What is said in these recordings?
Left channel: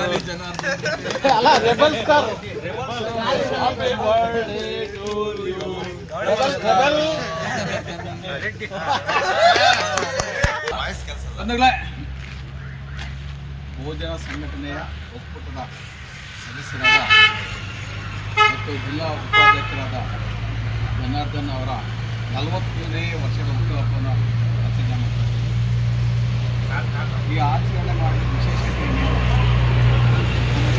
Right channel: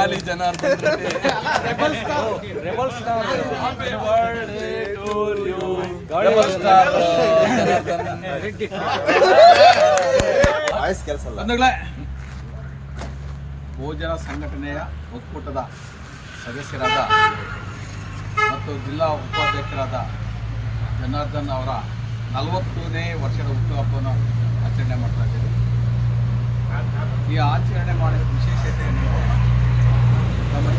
ಗಾಲಿ ಜನಾರ್ದನ್ ಭೋಜನ ಸಂಘಟನೆಯ ಒಕ್ಕೂಟದ ಸದಸ್ಯರಾದ ಮತ್ತು ಜಿಲ್ಲಾ ಉಪಾಧ್ಯಕ್ಷರಾದ ಜನಾರ್ದನ್ ಅವರ ನಲವತ್ತನೇ ವರ್ಷದ ಹುಟ್ಟುಹಬ್ಬವನ್ನು ಆಚರಣೆ ಮಾಡ್ತಾ ಇದ್ದೀವಿ. ಈ ಆಚರಣೆ ಮಾಡಿದ ವಿಶೇಷತೆ ಏನು?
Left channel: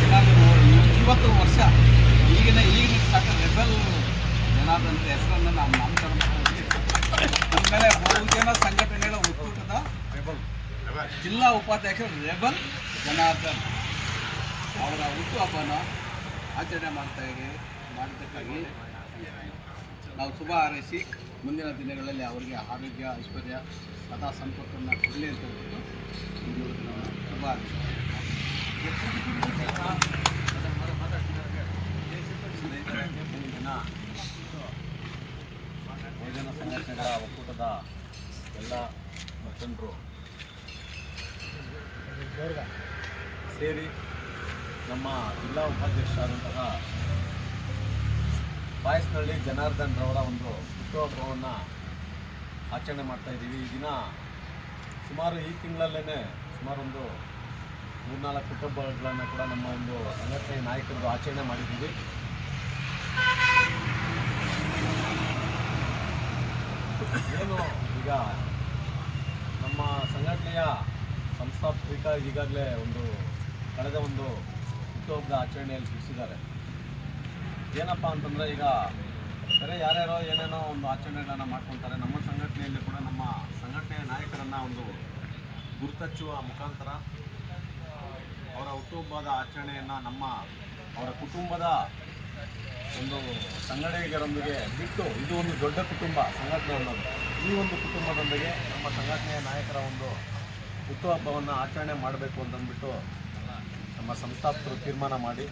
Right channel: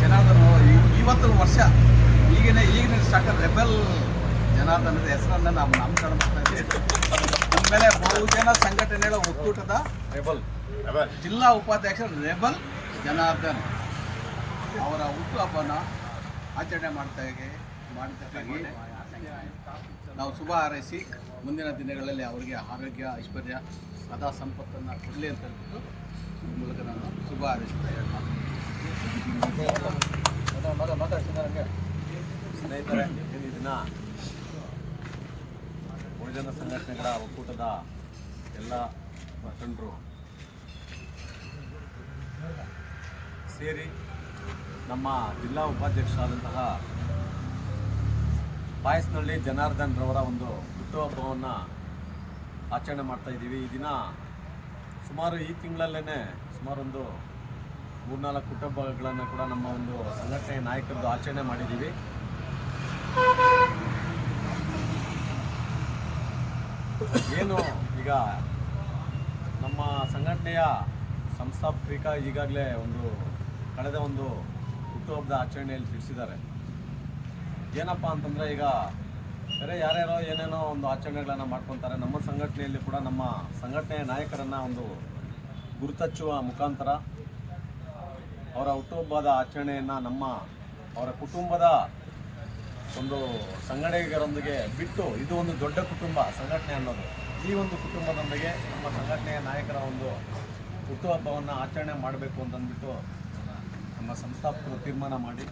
ಜನಾರ್ದನ್ ಇವತ್ತು ವರ್ಷ ಈಗಿನ ಈಗಿನ ಸಾಕ ರೆಬೆಲ್ ಜನಾರ್ದನದ ಹೆಸರನ್ನು ನಾವು ನಾಮಕರಣ ಮಾಡ್ತಾ ಇದ್ದೀವಿ. ಆಮೇಲೆ ಬಹುಜನ ಸಂಘಟನೆಗಳ ಒಕ್ಕೂಟದ ರೆಬಲ್. ಜಿಲ್ಲಾ ಉಪಾಧ್ಯಕ್ಷ ರೆಬಲ್ ಜನಾರ್ದನ್ ಅವರ ಹುಟ್ಟುಹಬ್ಬನ ಆಚರಣೆ ಮಾಡ್ತಾ ಮಾಡಿದ್ದಕ್ಕಾಗಿ ನಾವು ಶುಭ ಹಾರೈಸಿ ಮುಂದಿನ ದಿನಗಳಲ್ಲಿ ಅವರಿಗೆ ಆರೋಗ್ಯ, ಐಶ್ವರ್ಯ, ಸದಾ ಸಂಪತ್ತನ್ನು ಕೊಡಲಿ ಅಂತ ಹೇಳ್ಬಿಟ್ಟು ಈ ನಾನು ಶುಭ ಹಾರೈಸುತ್ತೇನೆ. ಸ್ನೇಹಿತರೆ ಒಂದು ದಿನ ಬಹುಜನ ಸಂಘಟನೆಗಳ ಒಕ್ಕೂಟದ ಎಲ್ಲ ಮುಖಂಡರು ಸೇರಿ ನಮ್ಮ ಜಿಲ್ಲಾ ಉಪಾಧ್ಯಕ್ಷರಾದಂತಹ ಬಾಯಸ್ನಹಳ್ಳಿ ಜನಾರ್ದನ್ ರವರ ಒಂದು ಹುಟ್ಟುಹಬ್ಬವನ್ನು ಆಚರಣೆ ಮಾಡ್ತಾ ಇದ್ದೀವಿ. ಈ ದಿನ ಸುಮಾರು ಈ ತಿಂಗಳಲ್ಲೇ ಸುಮಾರು ಒಂದು ಮೂರ್ನಾಲ್ಕು ಕುಟುಂಬಗಳನ್ನು ಕೂಡ ನಮ್ಮ ಒಂದು ಸಂಘಟನೆಯ ನಾಯಕರದ್ದು ಆಚರಣೆ ಮಾಡಿದ್ದೀವಿ. ಏನು ಈಗ ನಮ್ಮ ಸಂಘಟನೆಯ ಸಂಸ್ಥಾಪಕ ಈಗಾಗಲೇ ಒಂದು ಕಳೆದ ಒಂದು ಹುಟ್ಟುಹಬ್ಬದ ಆಚರಣೆಯಲ್ಲಿ ತಿಳಿಸಿದ್ದಾರೆ. ಏನಪ್ಪ ಅಂತಂದರೆ ಈಗ ಬೇರೆ ಯಾರ್ಯಾರೋ ಏನೇನೋ ಒಂದು ಆಚರಣೆಗಳನ್ನು ಮಾಡ್ಕೊತಾರೆ, ನಮ್ಮ ಸಂಘಟನೆಯಲ್ಲಿ ಕೂಡ ನಮ್ಮ ಸಂಘಟನೆಯ ನಾಯಕರನ್ನು ಒಂದು ಗುರುತಚ್ಚುವ ಮುಖಾಂತರ ಅವರ ಹುಟ್ಟುಹಬ್ಬದ ಆಚರಣೆಯನ್ನು ನಮ್ಮ ಅವರ ಕುಟುಂಬದ ಒಂದು ಸಂಘಟನೆಗರೊಂದಿಗೆ ಬಿಟ್ಟು ಇದು ಒಂದು ದೊಡ್ಡ ಕುಟುಂಬ ಸಂಘಟನೆ ಅನ್ನೋದು. ಈ ಒಂದು ಕುಟುಂಬದೊಂದಿಗೆ ನಮ್ಮ ಸಂಘಟನೆಯ ನಾಯಕರ ಒಂದು ಹುಟ್ಟುಹಬ್ಬವನ್ನು ಆಚರಣೆ ಮಾಡಬೇಕು ಅಂತಂದ್ಬಿಟ್ಟು ನಮ್ಮ ಸಂಸ್ಥಾಪಕರು ತೀರ್ಮಾನ ಮಾಡಿ.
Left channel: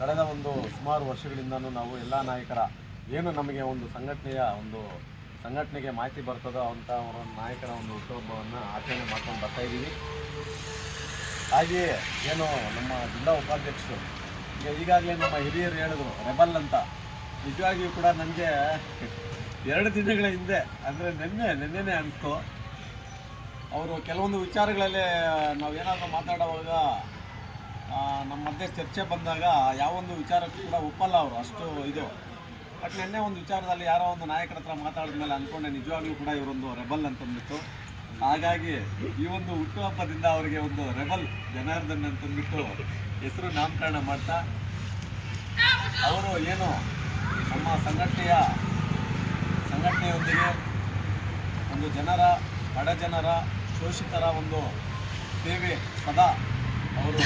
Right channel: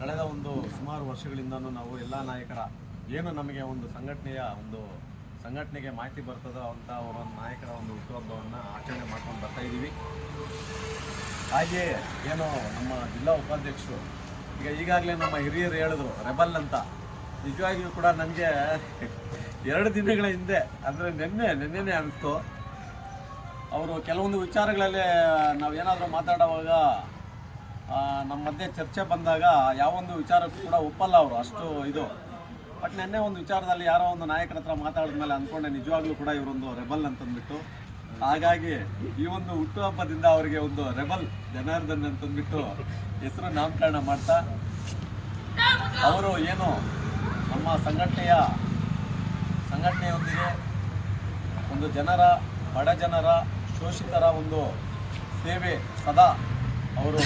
ಕಳೆದ ಒಂದು ಸುಮಾರು ವರ್ಷಗಳಿಂದನೂ ನಾವು ಎಲ್ಲ ನಾಯಕರ ಏನು ನಮಗೆ ಒಂದು ಸಂಘಟನೆಯ ಒಂದು ಸಂಘಟನೆಗೆ ಮಾಹಿತಿ ಬರ್ತದೋ ಅಂತ ಒಂದು ನಾಯಕರ ಒಂದು ಹುಟ್ಟುಹಬ್ಬವನ್ನು ಆಚರಣೆ ಮಾಡ್ಕೊಂಡು ಬರ್ತಾ ಇದ್ದೀವಿ. ಹಾಗೆಯೇ ಏನು ನಮ್ಮ ಜಿಲ್ಲಾ ಉಪಾಧ್ಯಕ್ಷರು, ಈಗ ಈಗಾಗಲೇ ನಮ್ಮ ಹಿರಿಯರು ಹೇಳಿದ್ರು, ರೆಬಲ್ ಅಂತ. ನಿಜವಾಗಿಯೂ ಕೂಡ ನನಗೆ ಎರಡು ದಿನಗಳ ಹಿಂದೆ, ಅಂದರೆ ನಿನ್ನೆ, ನಿನ್ನೆನೇ ಅನಿಸ್ತು. ಅವರು ಕೆಲವೊಂದು ವಿಚಾರಗಳಲ್ಲಿ ನಾವು ಏನಾದರೂ ಮಾತಾಡುವಾಗ ನಮ್ಮ ಮಧ್ಯೆ ಚರ್ಚೆ ಬಂದಾಗ ಯಾವೊಂದು ವಿಚಾರಕ್ಕೂ ಕೂಡ ಒಪ್ಪಲ್ಲ ಅವರು. ಅಷ್ಟು ಇದು. ಬಟ್ ನಿನ್ನೆ ಒಂದು ವಿಚಾರದಲ್ಲಿ ಯಾರೋ ಒಂದು ನಾಯಕರ ಹತ್ರ ಮಾತಾಡಿದ್ಮೇಲೆ ಅನ್ಕೊಂಡೆ ನಿಜವಾಗ್ಲೂ ಕೂಡ ಇವರೊಂದು ರೆಬಲ್ ಅಂತಂದ್ಬಿಟ್ಟು. ಹಾಗಾಗಿ ಈ ಒಂದು ಹುಟ್ಟುಹಬ್ಬದಿಂದ ಅವರಿಗೆ ಒಂದು ರೆಬಲ್ ಜನಾರ್ದನ್ ಅಂತಂದ್ಬಿಟ್ಟು ಹೆಸರು ನಾಮಕರಣ ಮಾಡ್ತಾ, ಅವರು ಏನು ನಮ್ಮ ಸಂಘಟನೆಯ, ಸಂಘಟನೆಯೊಂದಿಗೆ ಒಂದು ಜನರ, ಬಡ ಜನರ ಶೋಷಿತರ ಒಂದು ಸೇವೆ ಸದಾ ಅವರು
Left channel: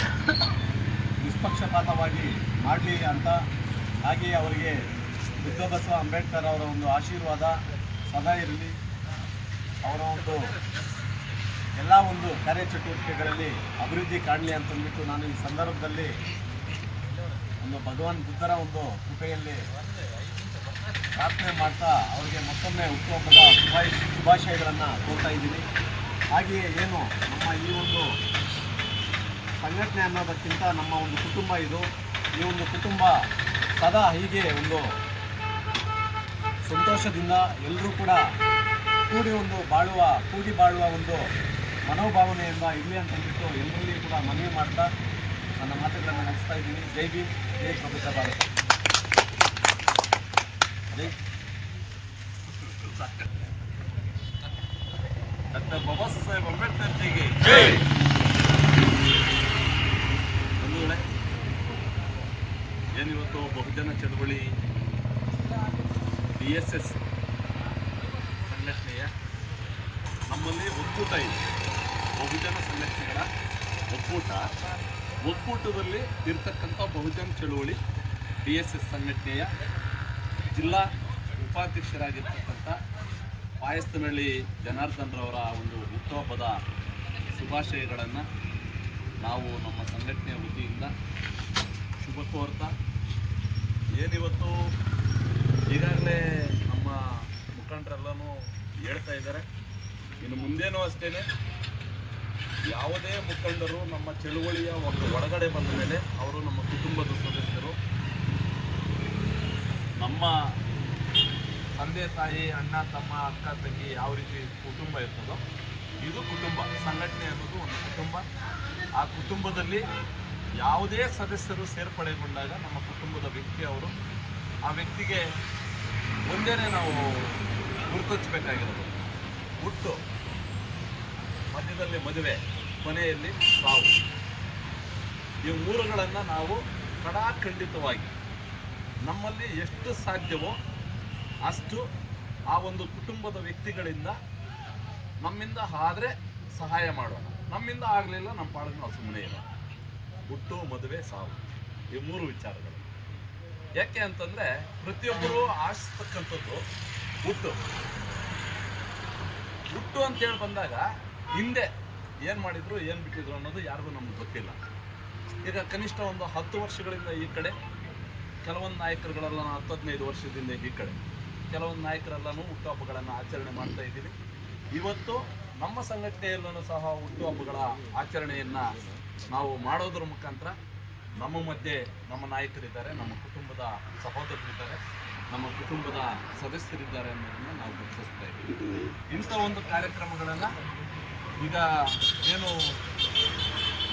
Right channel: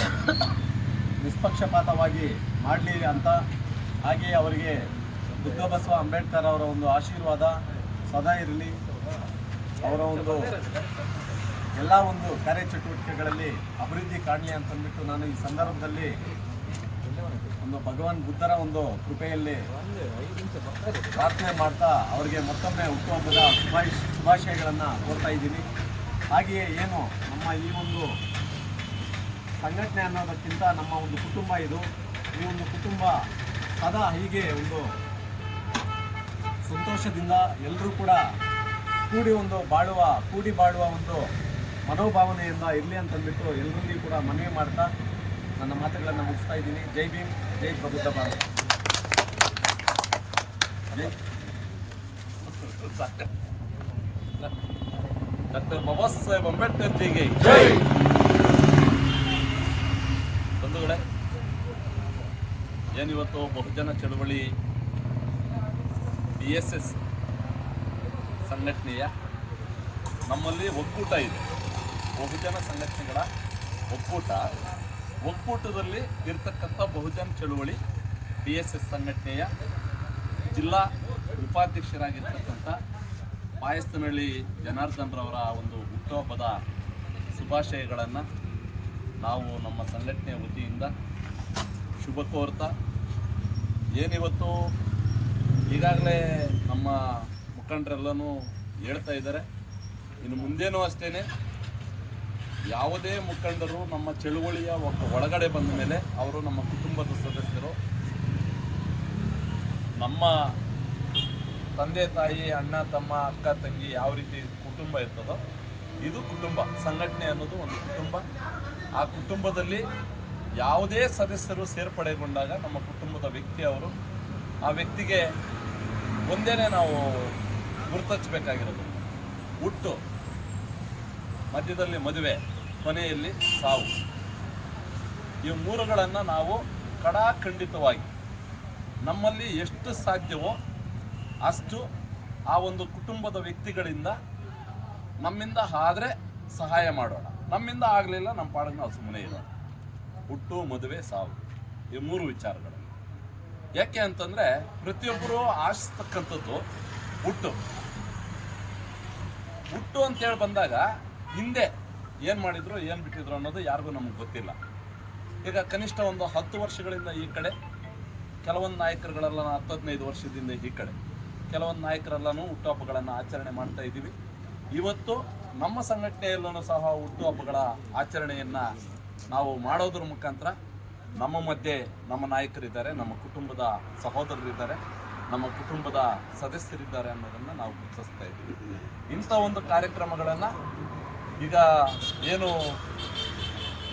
ನಿಷ್ಪಕ್ಷಪಾತವಾಗಿ ಮಾಡಲಿ ಅಂತ ಹಾಗೆಯೇ ಅವರಿಗೆ ಬುದ್ಧ ಬಸವ ಅಂಬೇಡ್ಕರ್ ಅವರ ಒಂದು ಆಶೀರ್ವಾದ ಸದಾ ಇರಲಿ. ಅವರ ಒಂದು ಎಲ್ಲ ಒಂದು ಕಾರ್ಯಚಟುವಟಿಕೆಗಳಲ್ಲಿ ಅಭಿವೃದ್ಧಿ ಕಾಣಲಿ ಅಂತಂದ್ಬಿಟ್ಟು ನಾನು ಈ ಸಂದರ್ಭದಲ್ಲಿ ಒಂದು ಭಗವಾನ್ ಬುದ್ಧರ ಒಂದು ಕೃಪೆಯಲ್ಲಿ ಪ್ರಾರ್ಥನೆ ಮಾಡ್ತಾ ಅವರಿಗೆ ಮತ್ತೊಮ್ಮೆ ಹುಟ್ಟುಹಬ್ಬದ ಶುಭಾಶ್ ಶುಭಾಶಯಗಳನ್ನು ಕೋರ್ತಾ ಇದ್ದೀನಿ. ಹಾಗೆಯೇ ಏನು ನಮ್ಮ ಈ ಒಂದು ಸಂಘಟನೆ ಅನ್ನೋದಕ್ಕಿಂತ ನಮ್ಮ ಒಂದು ಕುಟುಂಬ ಇದು. ಈ ಒಂದು ಕುಟುಂಬ ಸದಾ ಹೀಗೆ ಒಂದು ಸಂತೋಷದಿಂದ ಎಲ್ಲರೂ ಕೂಡ ಕೂಡಿ ಒಂದು ಬಾಳುವ ಕೂಡಿ ಬಾಳುವ ಒಂದು ಮನೋಭಾವನೆಯಿಂದ ಇರಲಿ ಅಂತಂದ್ಬಿಟ್ಟು ಎಲ್ಲರಲ್ಲಿ ಕೂಡ ಮನವಿ ಮಾಡ್ತಾ ನನ್ನ ಮಾತುಗಳನ್ನು ಮುಗಿಸ್ತಾ ಇದ್ದೀನಿ. ಜೈ ಭೀಮ್ ಜೈ ಪ್ರಬುದ್ಧ ಭಾರತ. ಜೈ. ಡಾಕ್ಟರ್ ಬಾಬಾ ಸಾಹೇಬ್ ಅಂಬೇಡ್ಕರ್ ಜಿಗೆ. ಬಂಧುಗಳೇ ಏನಿವತ್ತು ಬಹುಜನ ಚಳವಳಿ ಡಿ ಎಸ್ ಎಸ್ ಸಂಘಟನೆಯ ನಮ್ಮಲ್ಲಿ ಒಕ್ಕೂಟ ಇದೆ. ಬಹುಜನ ಸಂಘಟನೆಗಳ ಒಕ್ಕೂಟ. ಒಕ್ಕೂಟದಲ್ಲಿ ಇರ್ತಕ್ಕಂಥ ಬಹುಜನ ಚಳುವಳಿ ಬಿ ಎಸ್ ಎಸ್ ಸಂಘಟನೆಯ ಜಿಲ್ಲಾ ಉಪಾಧ್ಯಕ್ಷರಾಗಿರ್ತಕ್ಕಂಥ ಪಾಯಸ್ತನಹಳ್ಳಿ ಜನಾರ್ದನ್ರವರ ಒಂದು ಹುಟ್ಟುಹಬ್ಬದ ಶುಭಾಶಯಗಳನ್ನು ನಾವು ನಮ್ಮ ಸಂಘಟನೆಯ ವತಿಯಿಂದ ಶುಭ ಕೋರ್ತಾ ಏನಿವತ್ತು ಈಗಾಗಲೇ ನಮ್ಮ ಮುಖಂಡರೆಲ್ಲನೂ ಹೇಳ್ತಾ ಇದ್ದಾರೆ. ಇನ್ನು ಮುಂದೇನೂ ಅಷ್ಟೇ ಯಾವುದೇ ಮುಖಂಡರು ನಮ್ಮ ಚಳುವಳಿಯ ಒಂದು ಒಳಗಡೆ ಬಂದ ಮೇಲೆ ಅವರು ನಮ್ಮ ಕುಟುಂಬದ ಸದಸ್ಯರು, ನಮ್ಮ ತಂದೆ, ತಾಯಿ, ಅಣ್ಣ, ತಮ್ಮ, ಅಕ್ಕ, ತಂಗಿ ಯಾವ ರೀತಿ ಕುಟುಂಬ ಇರ್ತದೋ ಇದು ಕುಟುಂಬ. ಸಂಘಟನೆ ಅನ್ನೋದು ಒಂದು ಕುಟುಂಬ. ಆ ಕುಟುಂಬದಲ್ಲಿ ಯಾವುದೇ ಸದಸ್ಯರು ಸೇರ್ಪಡೆಗೊಂಡಾಗ ನಮ್ಮ ಕುಟುಂಬದ ವ್ಯಕ್ತಿ ಅವರು ಆ ವ್ಯಕ್ತಿಗೆ ಒಂದೇನೆ ನಾವು ಗುರುತಿಸಬೇಕಾಗಿರೋದು ಹುಟ್ಟು, ಮಧ್ಯದಲ್ಲಿ ಮದುವೆ, ಕೊನೆಯಲ್ಲಿ ಸಾವು. ಈ ಮೂರುಗಳನ್ನು ನಾವು ಕಡಾಖಂಡಿತವಾಗಿ ನಮ್ಮಲ್ಲಿ ಎಷ್ಟು ಸಾಧ್ಯವೋ ಅಷ್ಟು ಆ ಒಂದು ಕುಟುಂಬದ ವ್ಯಕ್ತಿಗಳಿಂದ ನಮ್ಮಿಂದ ಆದರೆ ಸಹಾಯ ಮಾಡೋಣ. ನಮ್ಮಿಂದ ಆಗಲಿಲ್ಲ ನಮ್ಮ ಪಾಡಿಗೆ ನಾವು ಸುಮ್ಮನೆ ಇಲ್ಲ ಹುಟ್ಟು, ಮದುವೆ, ಸಾವು. ಈ ಮೂರು ವಿಚಾರಗಳು. ಯಾಕೆ ಅಂತಂದರೆ ಪ್ರತಿಯೊಬ್ಬರು ಆಶಿಸ್ತಕ್ಕಂಥದ್ದು ಹುಟ್ಟು. ಹುಟ್ಟು ಅಂತೇಳಿ ಬಂದಾಗ ಹಿಂದೆ ಏನು ಮಾಡಿದ್ರು, ಏನು ಬಿಟ್ಟಿದ್ರು ಅನ್ನೋದು ಯಾರಿಗೂ ನಮಗೆ ಗೊತ್ತಿಲ್ಲ. ಈಗ ಕನಿಷ್ಠ ಒಂದು ಹತ್ತು ವರ್ಷಗಳಿಂದ ಈ ಕಡೆ, ಕೆಲವೊಂದು ನಾಯಕರುಗಳೆಲ್ಲ ಹತ್ತು ಹದಿನೈದು ವರ್ಷದಿಂದ ಈ ಕಡೆ. ಕೆಲವೊಂದು ನಾಯಕರೆಲ್ಲನೂ ಹುಟ್ಟುಹಬ್ಬಗಳನ್ನು ಆಚರಣೆ ಮಾಡ್ತಾ ಇದ್ದೀವಿ. ಇವತ್ತು ನಮ್ಮ ಸಂಘಟನೆಯಲ್ಲೂ ಸಹ ಹುಟ್ಟುಹಬ್ಬಗಳ ಆಚರಣೆಯನ್ನು ನಾವು ಮಾಡೋದ್ರ ಮುಖಾಂತರ ನಮ್ಮ ಮಧ್ಯೆ ನಮ್ಮ ನಾಯಕರಿದ್ದಾರೆ, ನಮ್ಮ ಕುಟುಂಬದ ಸಹೋದರರಿದ್ದಾರೆ, ನಮ್ಮ ಕುಟುಂಬದ ಸದಸ್ಯರಿದ್ದಾರೆ ಅನ್ನೋದನ್ನು ನಾವು ಗುರುತಿಸ್ತಾ ಇದ್ದೀವಿ. ಇಂಥ ಒಂದು ಕಾರ್ಯಕ್ರಮಗಳನ್ನು ಈಗ ಏನು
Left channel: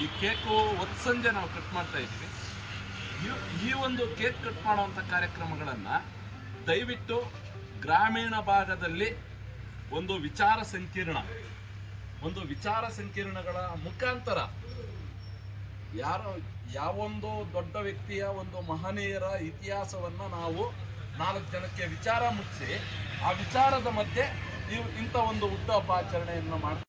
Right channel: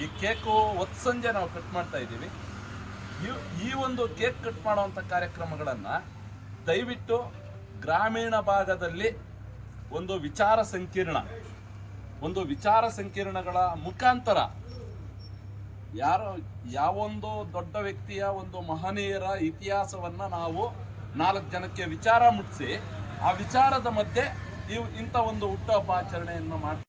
ಈ ಕೇಕು ಒತ್ತು ಸಂಜೆ ನಾವು ಕಟ್ ಮಾಡ್ತಾ ಇದ್ದೀವಿ. ಈ- ಒಂದು ಕೇಕ್ ಕಟ್ ಮಾಡುವಂಥ ಕಾರ್ಯಕ್ರಮಗಳನ್ನು ದಯವಿಟ್ಟು ಗ್ರಾಮೀಣ ಭಾಗದಲ್ಲಿ ಒಂದು ವಿಚಾರ ಸಂಕೀರ್ಣ, ಒಂದು ವಿಚಾರ ಸಂಕಿರಣಗಳ ಮುಖಾಂತರ ಯಾರೋ, ಯಾವೊಂದು ದೊಡ್ಡ ವ್ಯಕ್ತಿಯ ಒಂದು ಮಹನೀಯರ ಇತಿಹಾಸವನ್ನು ನಾವು ನಾಲ್ಕು ಜನಕ್ಕೆ ವಿಚಾರ ಮುಟ್ಟಿಸಿ ಆ ವಿಚಾರದ ಮಧ್ಯೆ ಇವು ಇಂಥ ಒಂದು ಹುಟ್ಟುಹಬ್ಬ ಆಚರಣೆಯನ್ನು ಮಾಡ್ತಾ